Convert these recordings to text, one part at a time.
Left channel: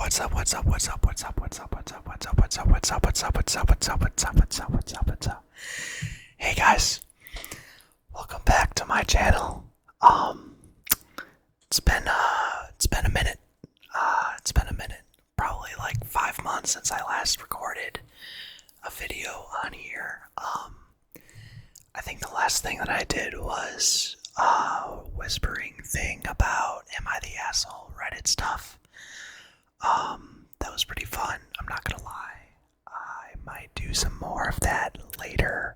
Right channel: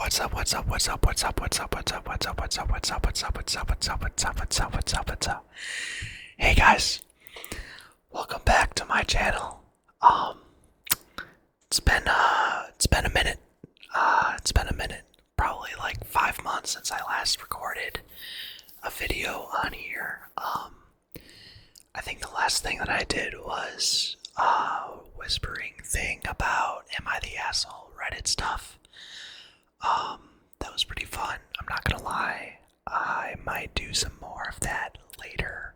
What's up, what's up, what's up, what's up, what's up, what's up, what's up, what's up, what's up, what's up, what's up, what's up, what's up, what's up, what's up, what's up? Hey guys, welcome back to my channel. It's been a minute. Probably like 5 months since I last recorded a video on here. I think the last thing that I did was whispering thing about am I the asshole Reddit stuff. That was pretty fun. I'm not gonna lie. I might do some more of that later.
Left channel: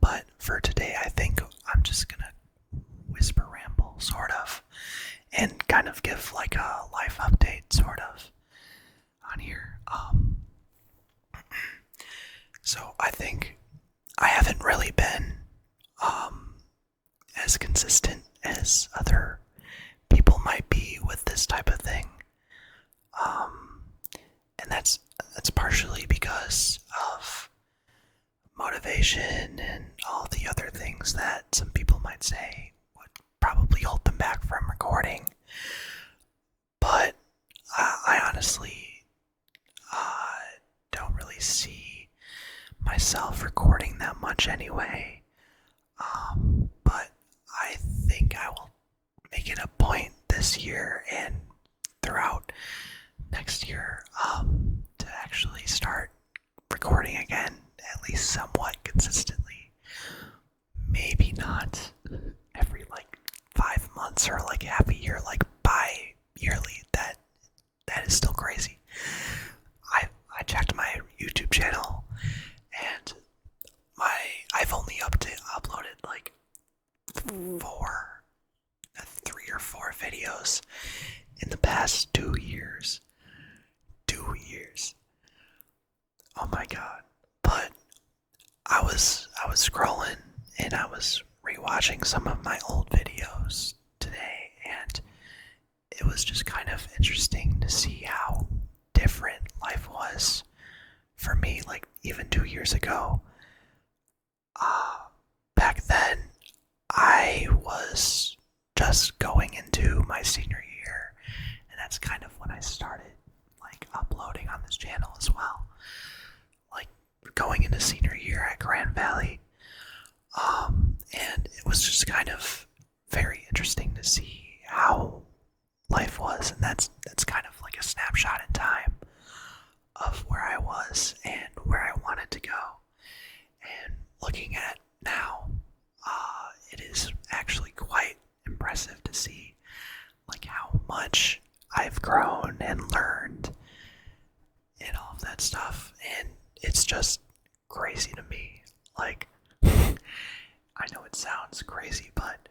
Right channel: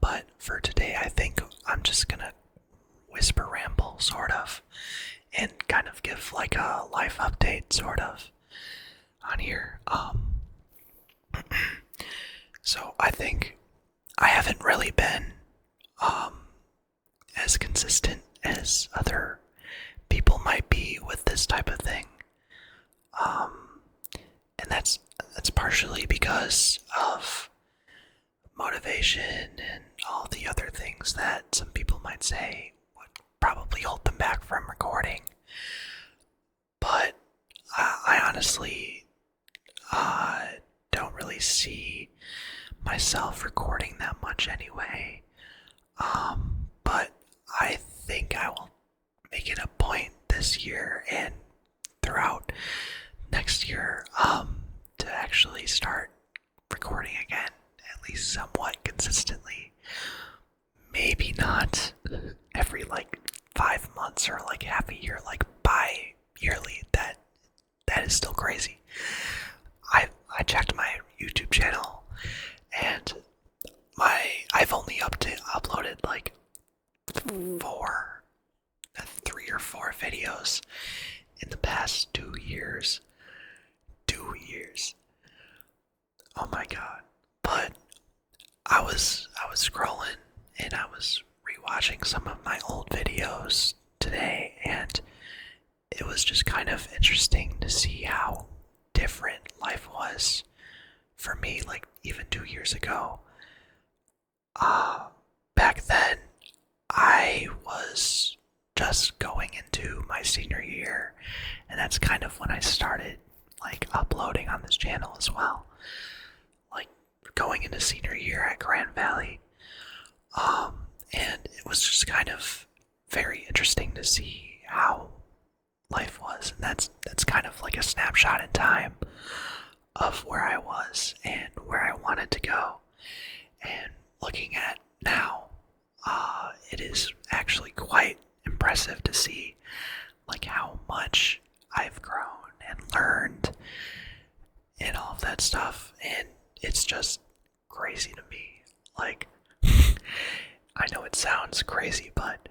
But for today, I think I'm just gonna whisper ramble, sort of, and kind of give like a life update, sort of, on here. So I think I haven't really been, as consistent as other people might be with this type of thing. And that's partially because of motivation and all the other things that some people might say would probably hold them back from recording. But I honestly don't really see myself recording that much anyway. But I think I will make it a point this year and throughout next year to actually start recording again, at least somewhat consistently. Maybe not every like 5 months or like half a year, like bi-yearly. That is still crazy. I checked my YouTube channel and I've only uploaded like 3 or 4 videos in the past 2 years. 2 years. Oh my god. But I was scrolling and I was rewatching some of my old videos today, and it was just kind of interesting to see how different life was for me, like even 2 years ago. Back then, I was just going into my senior year, and that's kind of when I started like uploading on this channel as well. Like going into senior year at Grand Valley. And it was just kind of very interesting to see how life was, and that's kind of like a snapshot in time of where I was and where I wanted to go. And looking at now, it is actually quite impressive to see like how much I've grown and learned and all of that stuff, and it's just crazy to me. Like, I know it sounds crazy, but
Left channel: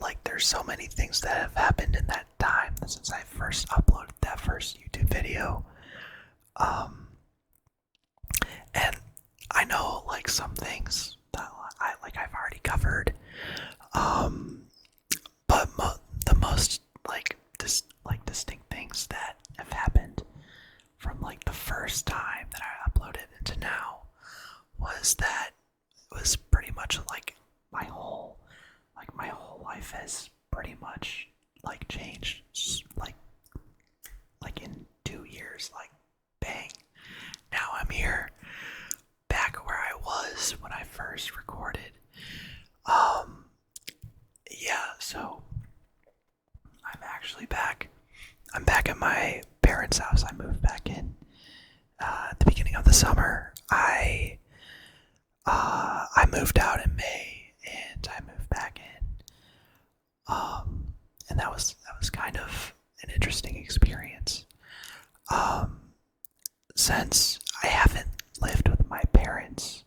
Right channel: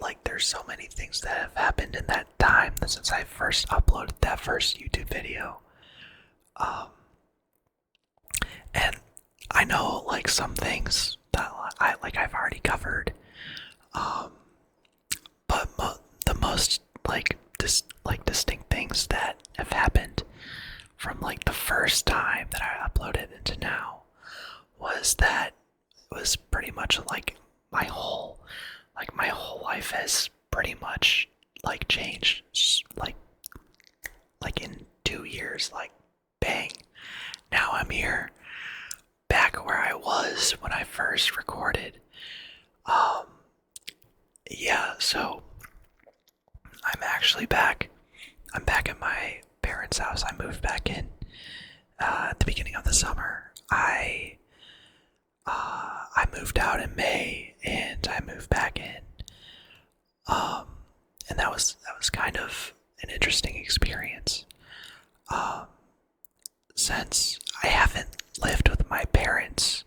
like there's so many things that have happened in that time since I first uploaded that first YouTube video. And I know like some things that I've already covered. But the most like distinct things that have happened from like the first time that I uploaded into now was that it was pretty much like my whole life has pretty much like changed, like in 2 years, like bang. Now I'm here, back where I was when I first recorded. Yeah, so I'm actually back. I'm back at my parents' house. I moved back in at the beginning of the summer. I moved out in May and I moved back in. And that was kind of an interesting experience. Since I haven't lived with my parents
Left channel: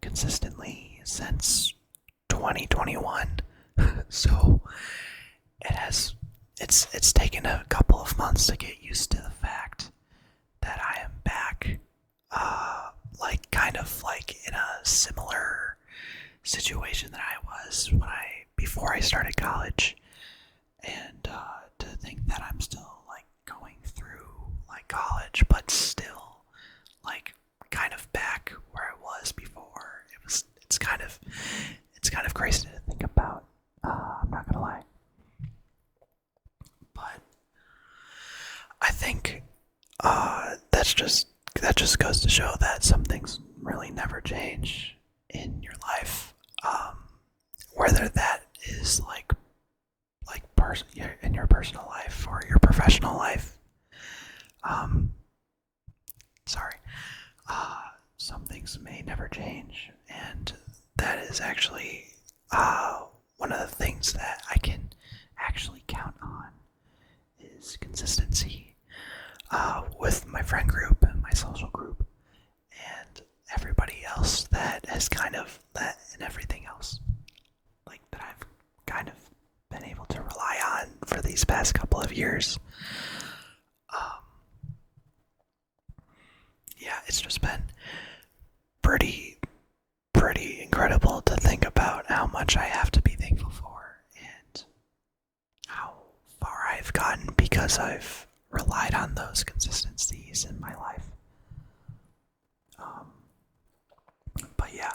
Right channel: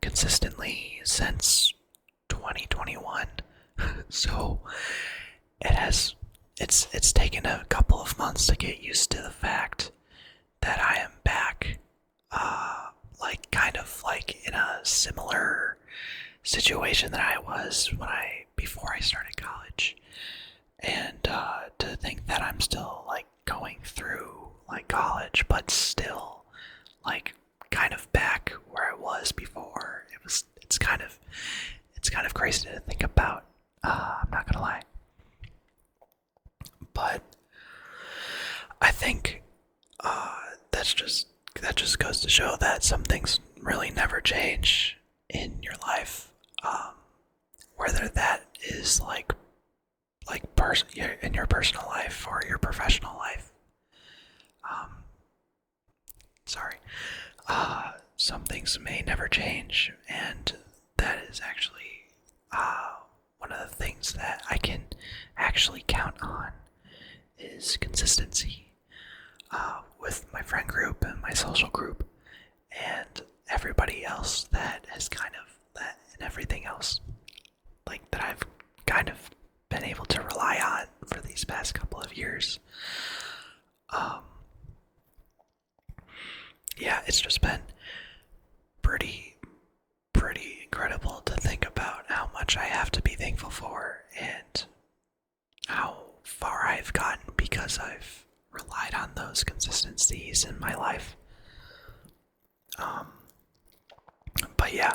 consistently since 2021. So it's taken a couple of months to get used to the fact that I am back, like kind of like in a similar situation that I was before I started college, and to think that I'm still like going through like college, but still like kind of back where I was before. It's kind of crazy to think about. I'm not gonna lie, but I think that just goes to show that some things really never change in your life. Um, Whether that is in your personal life or your professional life. Um, Sorry. Some things may never change, and that is actually one of the things that I can actually count on is consistency with my friend group and my social group and everybody else that has kind of that and everything else like that I've kind of been able to rely on for these past couple of years. Um, yeah, it's just been pretty pretty incredible to think about how much I have to be thankful for and how far I've gotten because I've relied on those consistencies in my life. Um, but yeah,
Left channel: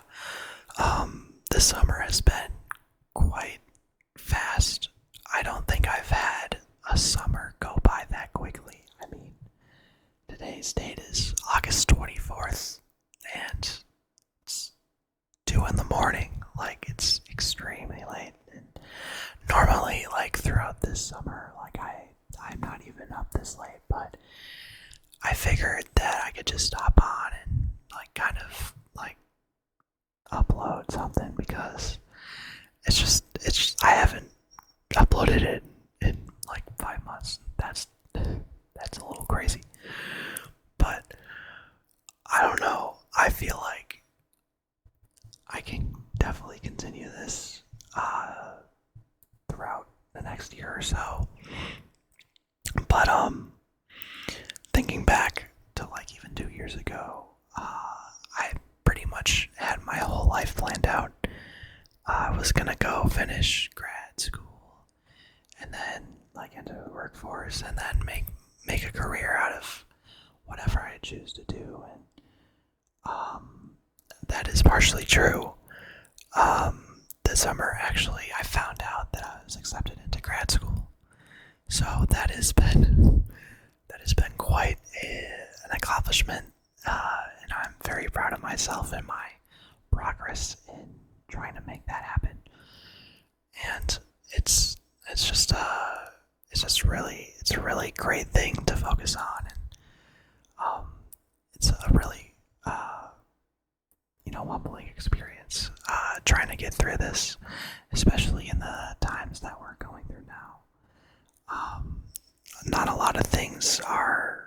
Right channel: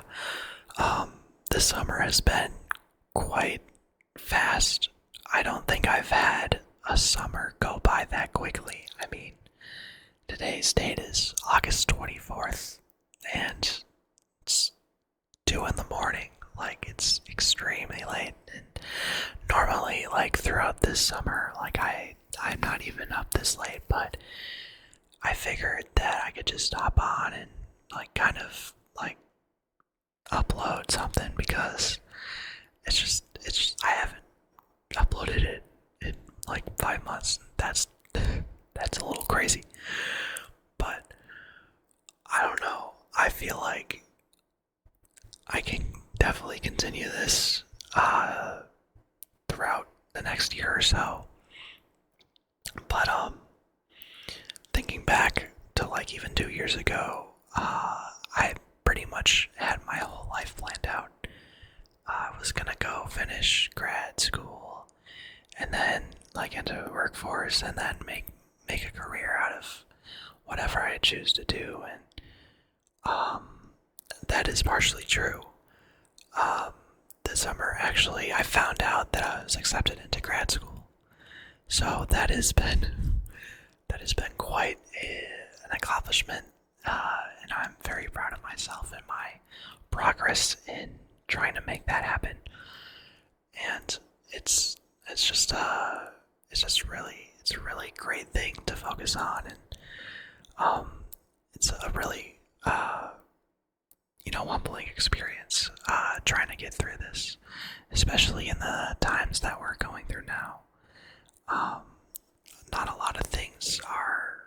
this summer has been quite fast. I don't think I've had a summer go by that quickly. I mean, today's date is August 24th, and it's 2 in the morning. Like, it's extremely late. And normally, like, throughout this summer, like, I'm not even up this late, but I figured that I could just hop on and, like, kind of, like, upload something because I haven't uploaded it in like 5 months. That's a little crazy. But I don't know. I feel like I can definitely continue this throughout the next year or so. But thinking back to like even 2 years ago, I pretty much had my whole life planned out. I was gonna go finish grad school and then like into the workforce and then make a career out of whatever I choose to do, and um, that is partially true. This summer, actually, I found out that I was accepted into grad school, so that has been quite an accomplishment, and I'm very proud of myself and my progress in trying to make that happen. And it's just it's a really great thing to focus on, and it's a really humbling experience trying to get through this, especially in the times that we're going through now. Not a lot of things are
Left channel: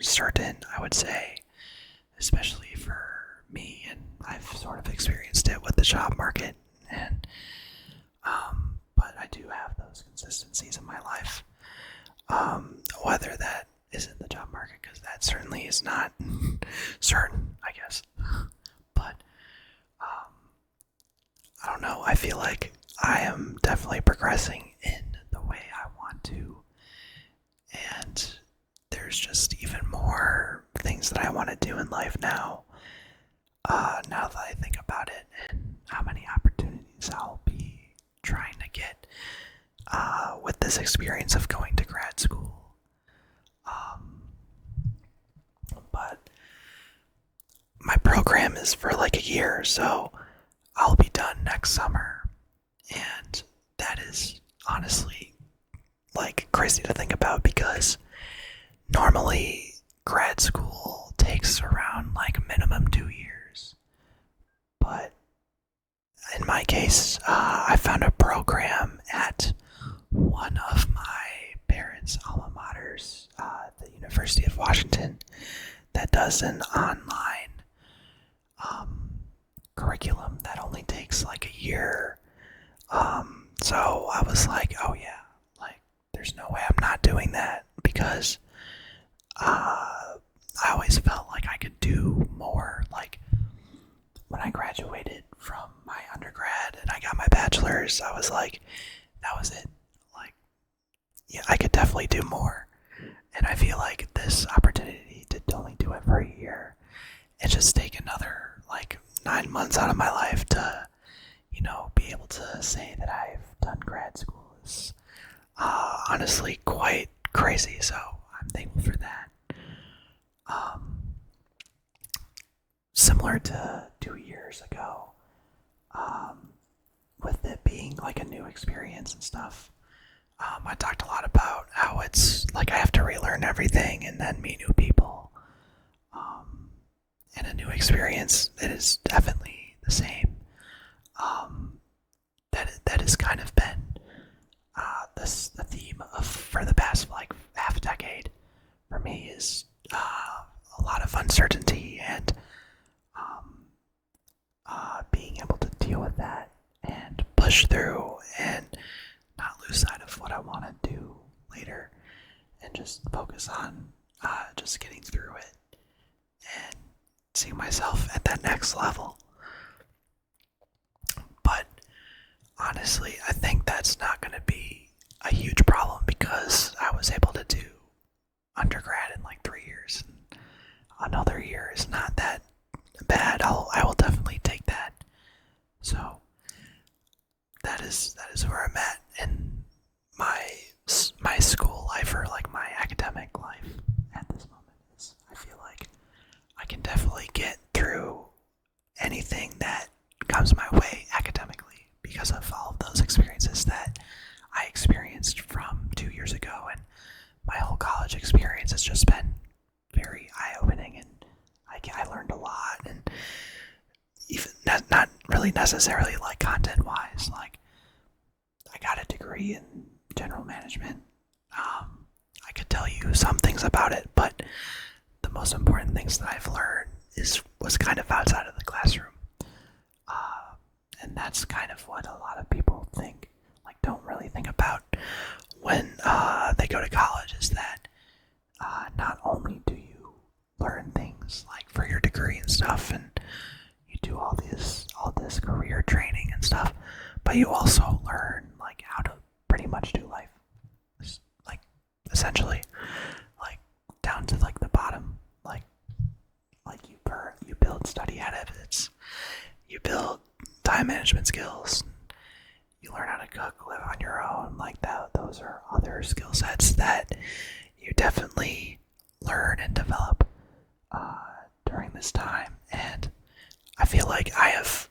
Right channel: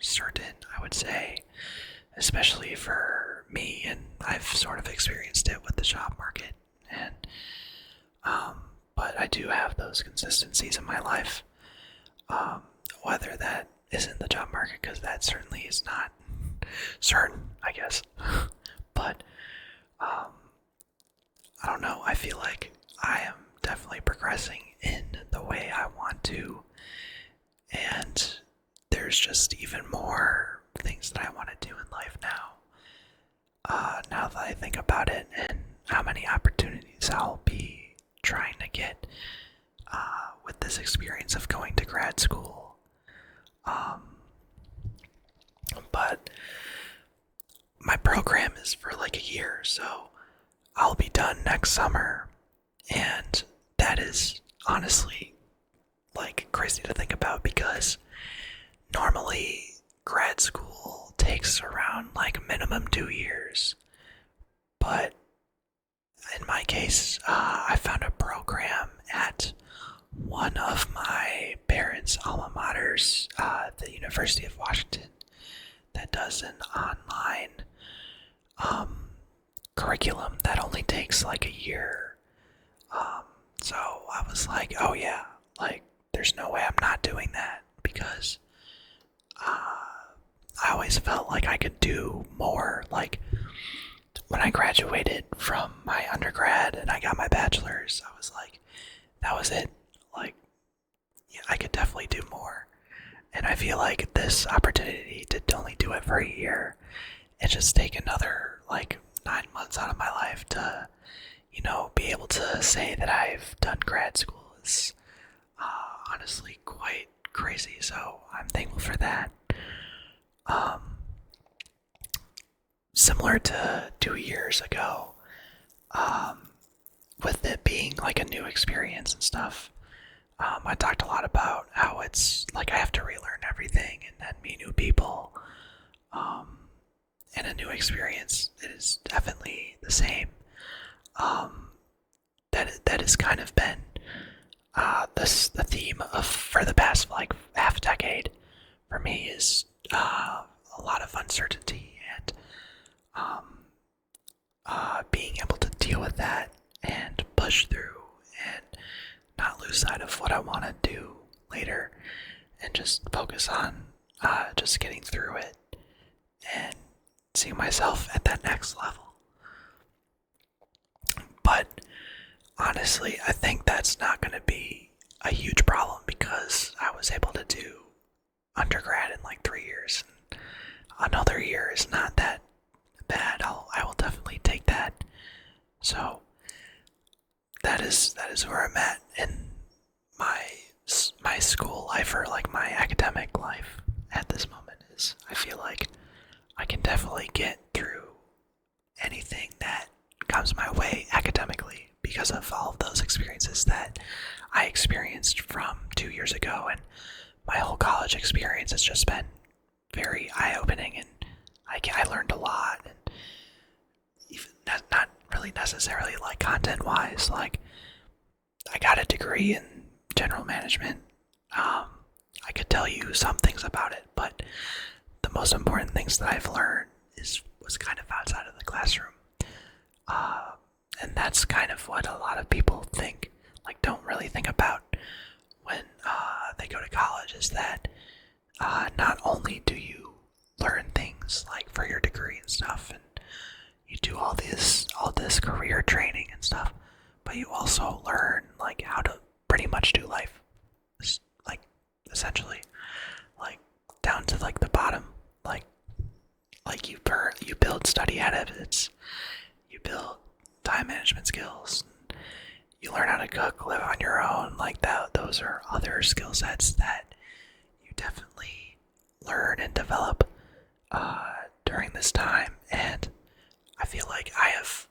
certain, I would say, especially for me, and I've sort of experienced it with the job market, and but I do have those consistencies in my life. Whether that isn't the job market, because that certainly is not certain, I guess. But I don't know. I feel like I am definitely progressing in the way I want to, and there's just even more things that I want to do in life now. Now that I think about it, and how many opportunities I'll be trying to get with this experience of going to grad school. But my program is for like a year, so I'll be done next summer, and that is honestly like crazy to think about because normally grad school takes around like minimum 2 years, but in my case, I found a program at one of my parents' alma maters, the University of Washington, that does an online curriculum that only takes like a year. So I was like, oh yeah, like there's no way I'm not doing that because I always felt like I could do more. Like when I graduated from my undergrad and I got my bachelor's, I was like, that was it. Like, yeah, I could definitely do more. And I feel like this opportunity to only do it for a year and just take another like 9 months out of my life to, be able to say that I've done grad school is honestly quite crazy. So I'm thankful for that. Um, Similar to 2 years ago, um, with it being like a new experience and stuff. I talked a lot about how it's like I have to relearn everything and then meet new people. Um, and a new experience that is definitely the same. Um, that has kind of been the theme of for the past like half decade for me is a lot of uncertainty and um, being able to deal with that and push through and not lose sight of what I want to do later and just focus on just getting through it and seeing myself at that next level. But honestly, I think that's not going to be a huge problem because I was able to do undergrad in like 3 years. Another year is not that bad. I will definitely take that. So that is where I'm at in my school life or like my academic life at this moment. Is I feel like I can definitely get through anything that comes my way academically because of all of those experiences that I experienced from 2 years ago, and my whole college experience has just been very eye-opening, and I learned a lot, and even not really necessarily like content-wise. Like I got a degree in general management. I could tell you some things about it, but the most important things that I've learned was kind of outside of the classroom. And that's kind of what a lot of people think, like don't really think about when they go to college, is that not only do you learn things like for your degree and stuff, and you do all this career training and stuff, but you also learn like how to pretty much do life, like essentially, like down to like the bottom, like you build study habits, you build time management skills, you learn how to cook, live on your own, like that. Those are other skill sets that you definitely learn and develop during this time, and I feel like I have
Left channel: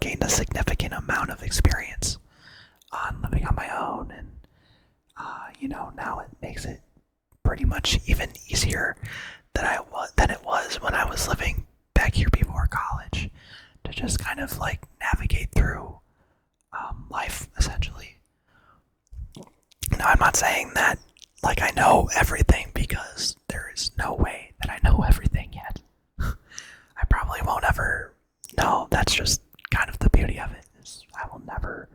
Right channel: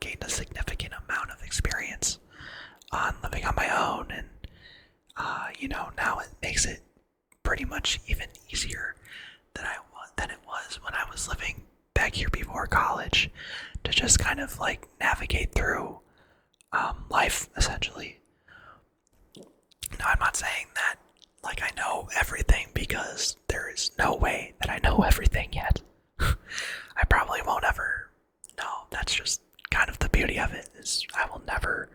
gained a significant amount of experience on living on my own, and now it makes it pretty much even easier than it was when I was living back here before college, to just kind of like navigate through life essentially. Now, I'm not saying that like I know everything, because there is no way that I know everything yet. I probably won't ever know. That's just kind of the beauty of it, is I will never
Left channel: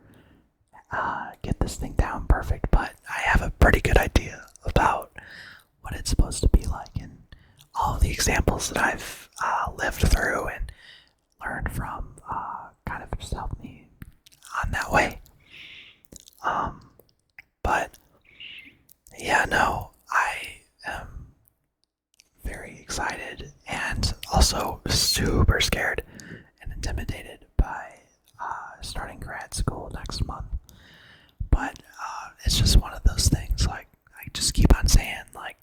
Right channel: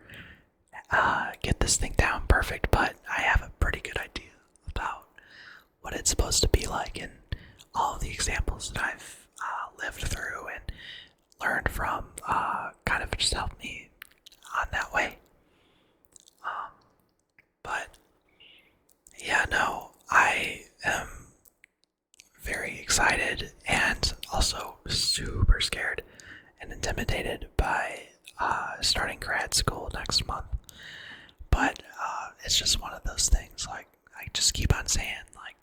get this thing down perfect, but I have a pretty good idea about what it's supposed to be like, and all of the examples that I've lived through and learned from kind of just helped me on that way. But yeah, no, I am very excited and also super scared and intimidated by starting grad school next month. But it's just one of those things, like I just keep on saying, like,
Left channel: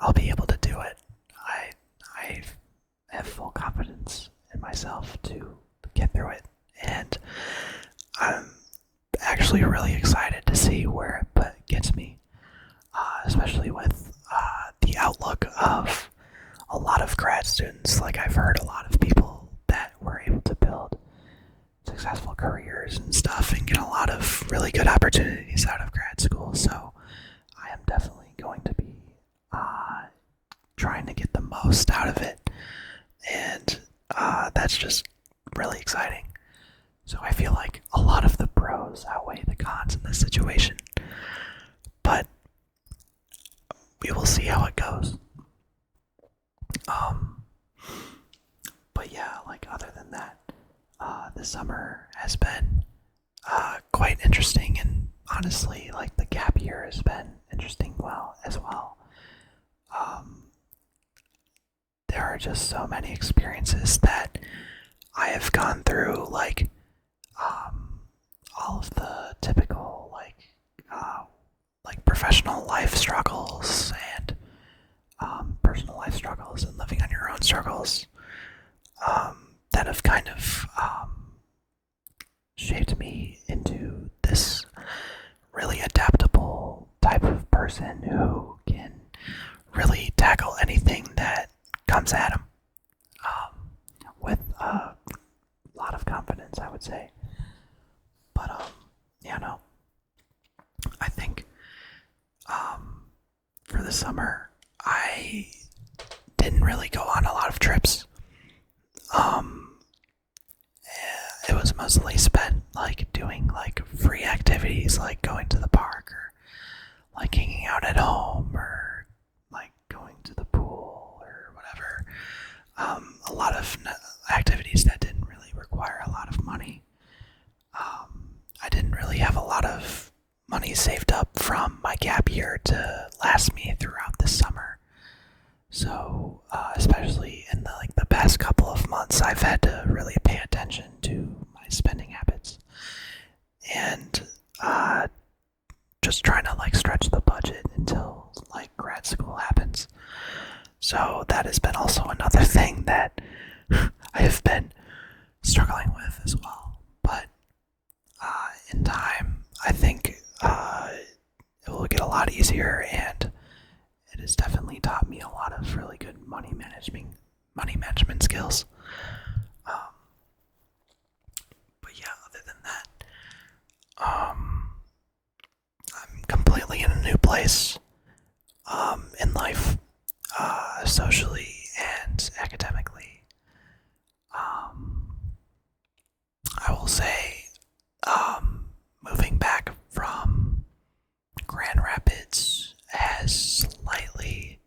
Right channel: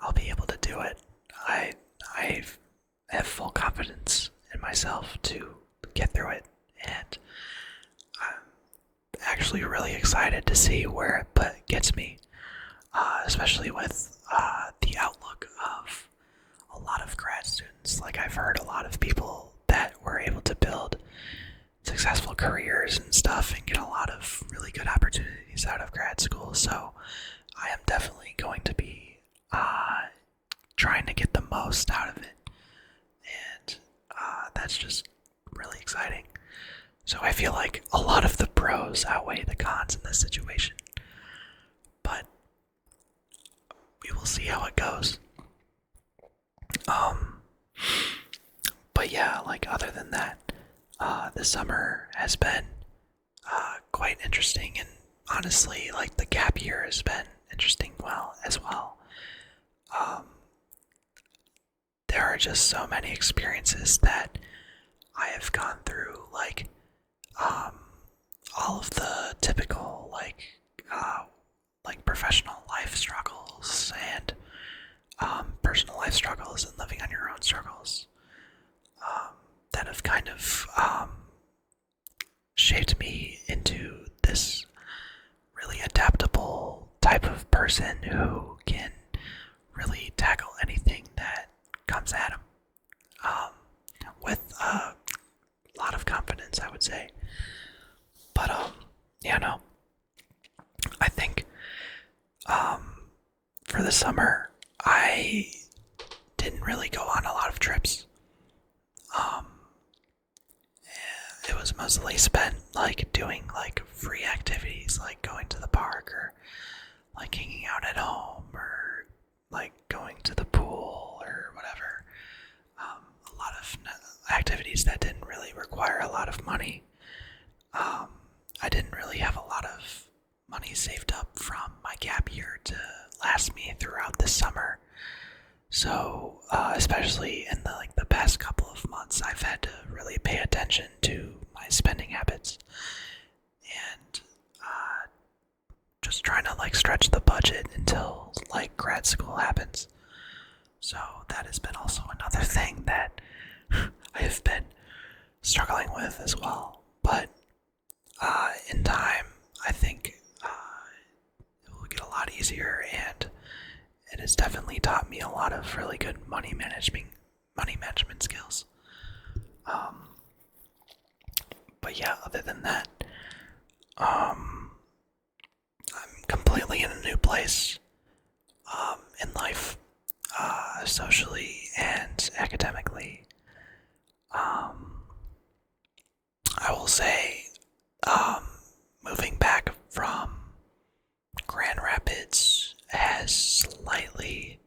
I'll be able to do it. I have full confidence in myself to get through it, and I'm actually really excited to see where it gets me, especially with the outlook of a lot of grad students. Like I've heard a lot of people that were able to build successful careers and stuff and get a lot of really good opportunities out of grad school. So I am definitely going to be trying to get the most out of it, and that's just really exciting. So I feel like a lot of the pros outweigh the cons in this situation, but we will see how it goes. But yeah, like other than that, this summer has been quite interesting, and honestly, like the gap year has been interesting as well. There are just so many experiences that I have gone through, like all of the typical like professional life struggles and personal life struggles and living on your own struggles that have kind of shaped me into this really adaptable type of person who can really tackle anything that comes at him with a lot of confidence, I would say. But yeah, no, I think for the summer I didn't really go on a lot of trips. Um, it was mostly spent like doing like free activities, like going to the park or like hanging out at home or like going to the pool or whatever. A lot of activities that didn't really require a lot of money. I didn't really have a lot of money saved up from my gap year to last me throughout this summer. So, especially in the past couple of months, I've had to really pay attention to my spending habits and just trying to like stretch the budget until like grad school happens. So that has been also another thing that I have been struggling with as well. But in time, I think it will get a lot easier, and it has definitely taught me a lot of really good money management skills. But yeah, other than that, I'm completely in a new place in life, socially and academically. I will say, moving back from Grand Rapids has slightly,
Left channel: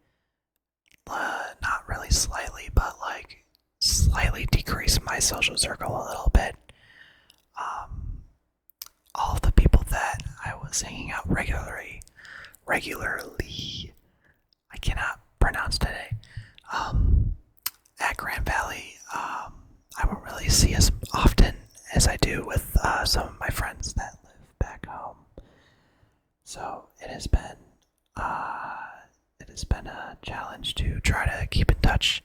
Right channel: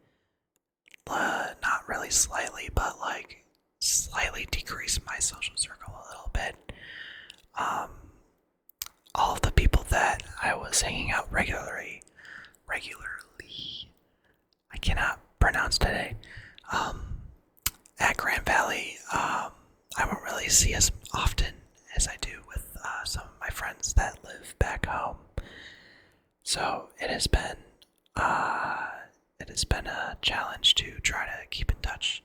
not really slightly, but like slightly decreased my social circle a little bit. All of the people that I was hanging out regularly, I cannot pronounce today, at Grand Valley, I won't really see as often as I do with some of my friends that live back home. So it has been a challenge to try to keep in touch.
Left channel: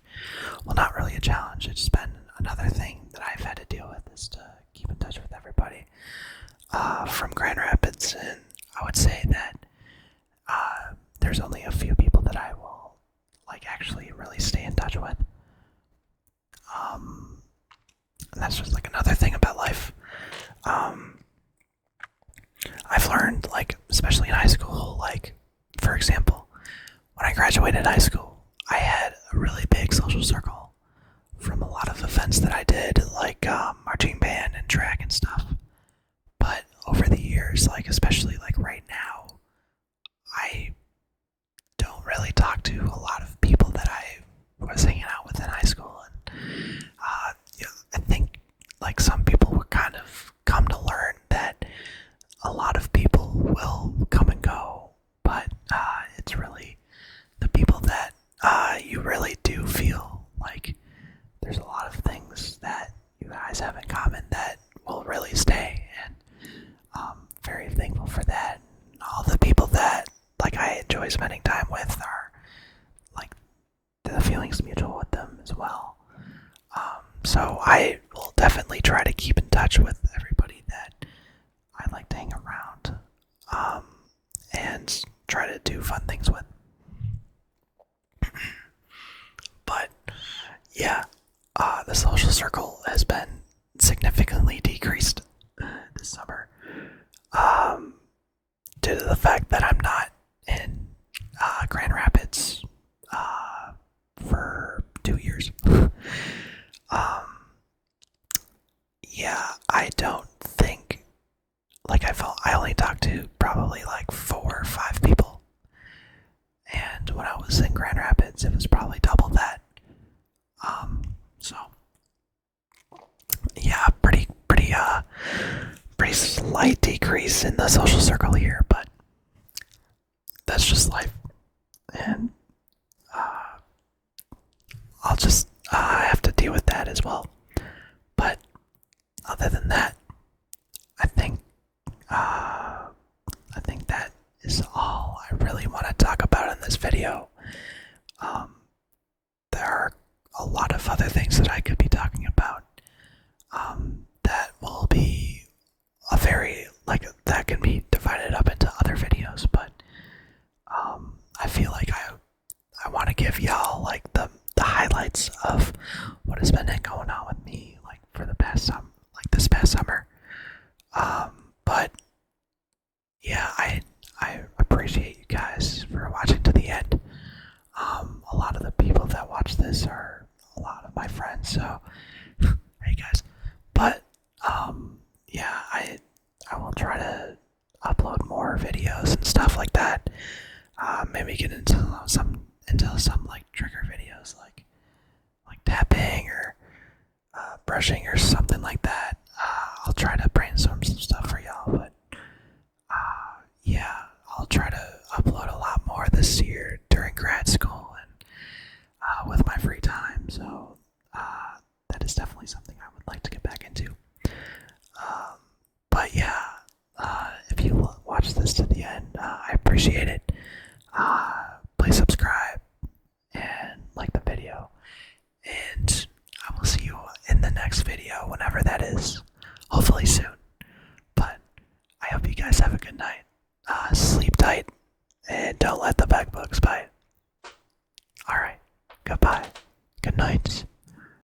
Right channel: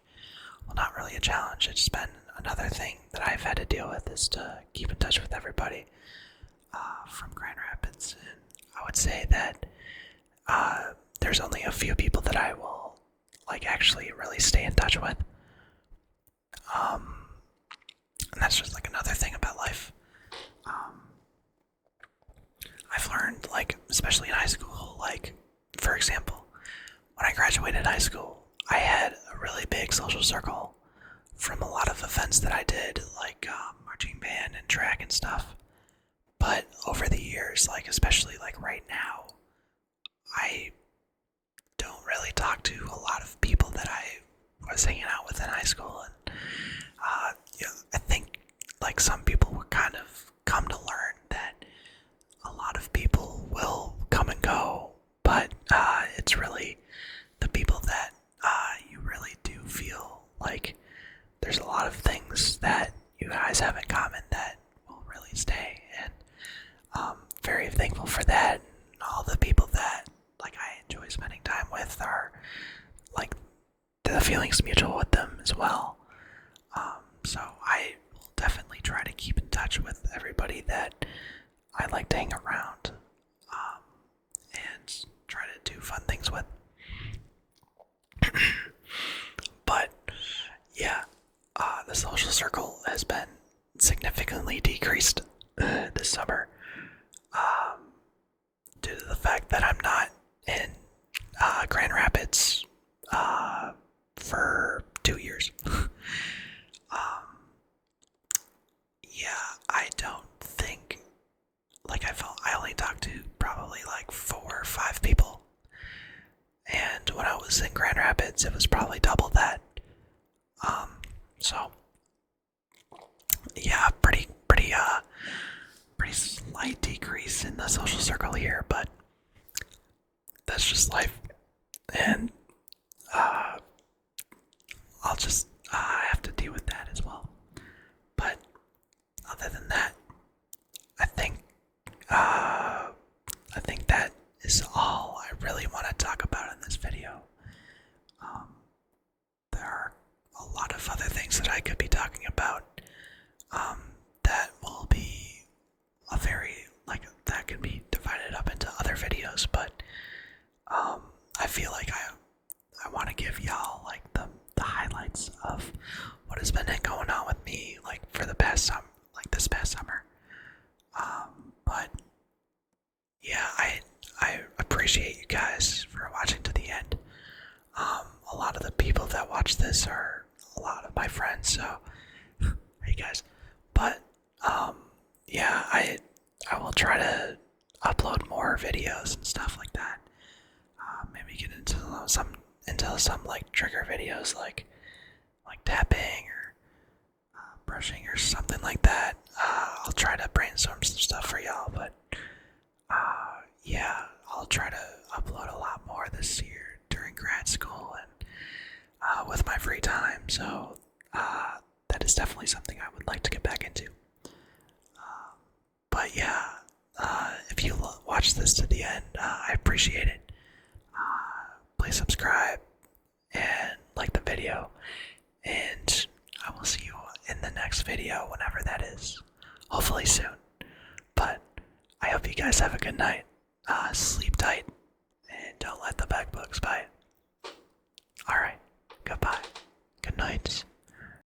Well, not really a challenge. It's been another thing that I've had to deal with, is to keep in touch with everybody from Grand Rapids. And I would say that there's only a few people that I will like actually really stay in touch with. And that's just like another thing about life. I've learned, like, especially in high school, like, for example, when I graduated high school, I had a really big social circle from a lot of events that I did, like marching band and track and stuff. But over the years, like, especially like right now, I don't really talk to a lot of people that I was hanging out with in high school. And I think like some people will kind of come to learn that a lot of people will come and go, but it's really the people that you really do feel like there's a lot of things that you guys have in common that will really stay, and I'm very thankful for that. And all the people that like I enjoy spending time with are like the feelings mutual with them as well. So I will definitely try to keep in touch with everybody that I like to hang around, and try to do fun things with. But yeah, the social circle has been significantly decreased this summer, due to the fact that I'm not in Grand Rapids for 2 years. Yeah, I don't think, like, I only talked to probably like 4 or 5 people, and when I was in Grand Rapids, it was probably double that. So yeah, pretty slight decrease in the social circle here, but that's just life, and I'll just have to deal with that as well. But other than that, I think that is all video. Um, there are a lot of other things that I could be talking about that will be that can be divided up into other videos, but I feel like I want to give y'all like the highlights of what has been going on with me like for the past this past summer. But yeah, I appreciate you guys for watching to the end. A lot of the people that watch this are a lot of my friends, so hey guys. But yeah, I will try to upload more videos and stuff like that. Maybe get into some like trigger videos like tapping or brushing or something like that. I'll try to brainstorm some stuff for y'all, but yeah, I'll try to upload a lot more this year during grad school and with my free time. So that is definitely something I would like to get back into. But yeah, if you watch this to the end, I appreciate it. Please subscribe and like the video, and I will see you in the next video, whenever that is. Hopefully soon. But I hope you guys have a good night. Sleep tight, and don't let the bed bugs bite. Alright, goodbye. Good night.